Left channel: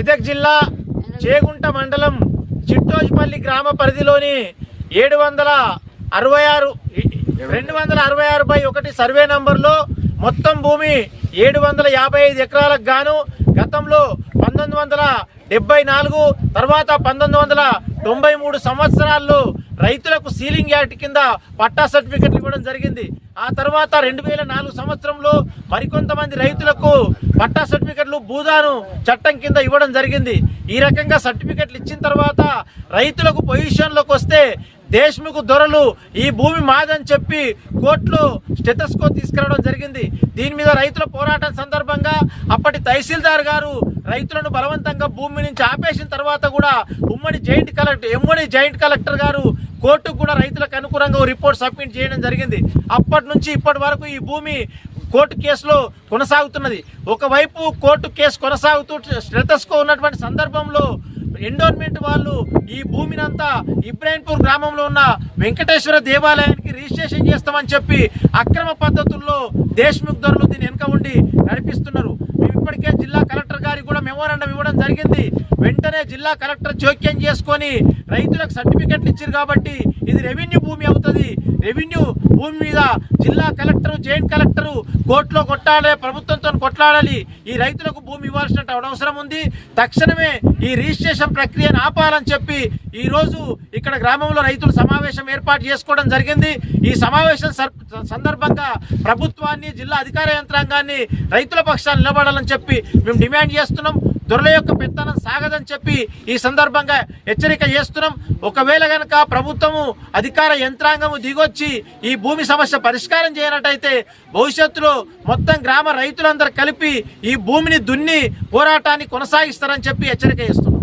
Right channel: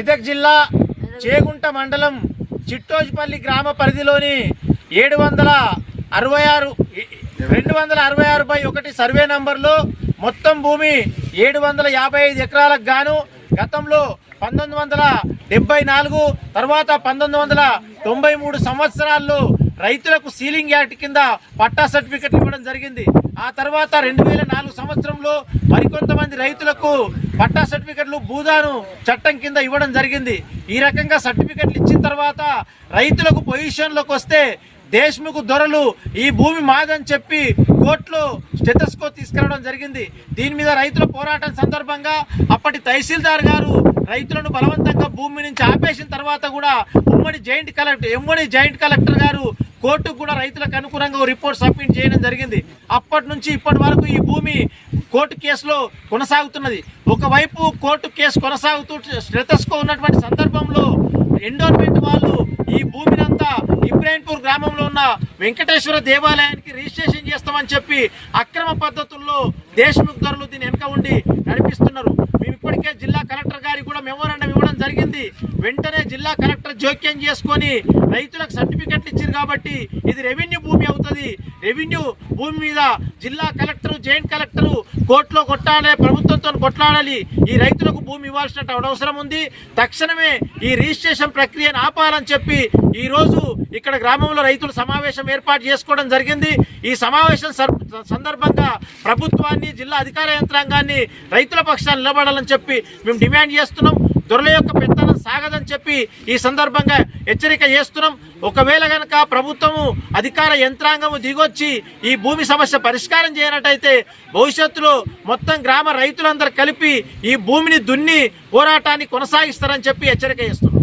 మెదక్ జిల్లా చేగుంట మండలం చిట్టోజ్పల్లి గ్రామ పరిధిలోని 266/1 సర్వే నంబర్లో మొత్తం భూమి 755 ఎకరాలకు గాను గతంలో 1974 తర్వాత 1993 సంవత్సరాల్లో రైతులకు సీలింగ్ యాక్ట్ కింద పట్టా సర్టిఫికెట్లు ఇవ్వడం జరిగింది. ఆ తర్వాత 2004 సంవత్సరంలో మరికొంతమంది రైతులకు పట్టా సర్టిఫికెట్లు భూదాను చట్టం కింద ఇవ్వడం జరిగింది. ఈ రకంగా సర్టిఫికెట్లు ఇచ్చిన తర్వాత రైతులకు పొజిషన్లోకి వస్తే దేశ్ముఖ్ దొరలు ఈ భూమి మాదని చెప్పి కోర్టులో స్టెథోస్కో తీసుకురావడం జరిగింది. దీని మీద రైతుల పోరాటం సందర్భంగా అప్పటి తహసీల్దార్ గారు రైతులను బలవంతంగా భూమి నుంచి ఆపేసిన తర్వాత కూడా ఎమ్మడి జాయింట్ కలెక్టర్ గారు కోర్టుకు కూడా రైతులకు అనుకూలంగా రిపోర్ట్ సబ్మిట్ చేయడం జరిగింది. అప్పటి నుంచి ఇప్పటి వరకు ఈ భూమి కోర్టు కేసులో కొనసాగుతున్నది. ఒకవైపు కోర్టు కేసు కొనసాగుతూ స్టెథోస్కో ఉన్నటువంటి సందర్భంలో ఎండోర్మెంట్ వాళ్ళు ఈ భూమినంతా ఇబ్రాహీంపూర్ గ్రామంలో ఉన్న వెంకటేశ్వర దేవాలయానికి రిజిస్ట్రేషన్ చేస్తామని చెప్పి అక్రమ పద్ధతుల్లో దేశ్ముఖ్ దొరలు దీని వెనుక ఉండి నడిపిస్తున్నారు. మేము ఇప్పటికే జిల్లా కలెక్టర్ గారికి కూడా మెమోరాండం ఇవ్వడం జరిగింది. వెంటనే జిల్లా కలెక్టర్ జోక్యం చేసుకొని రైతులకు సర్టిఫికెట్లు ఇచ్చారు కాబట్టి ఇది రెవెన్యూ భూమి అవుతుంది. రెవెన్యూ భూమి మీద జిల్లా కలెక్టర్ జాయింట్ కలెక్టర్ కోర్టులో కొట్టాలి, ప్రభుత్వంతో కొట్లాడాలి. ఈ రైతులకు భూమి ఇవ్వాల్సిన అవసరం ఉంది. తక్షణమే ఈ రిజిస్ట్రేషన్ ప్రక్రియను ఆపాలని చెప్పి ఈ రోజు ఇక్కడ గ్రామంలో రైతులు సమావేశం ఏర్పాటు చేసుకోవడం జరిగింది. ఈ సమావేశం సందర్భంగా ప్రభుత్వాన్ని, జిల్లా అధికార యంత్రాంగాన్ని రైతుల పక్షాన్ని నిలబడాలని చెప్పి మేము డిమాండ్ చేస్తున్నాం. దొరల యొక్క పెత్తనం సాగదని చెప్పి ఈ సందర్భంగా హెచ్చరిక చేస్తున్నాం. ఒకవేళ కనుక ప్రభుత్వము, అధికార యంత్రాంగము దిగొచ్చి ఈ భూమి సమస్య పరిష్కారం చేయనట్టయితే భవిష్యత్తులో మొత్తం గ్రామ రైతులందరూ కలిపి ఈ భూమిని దున్ని పోరాటాన్ని కొనసాగిస్తారని చెప్పి హెచ్చరిక చేస్తున్నాం.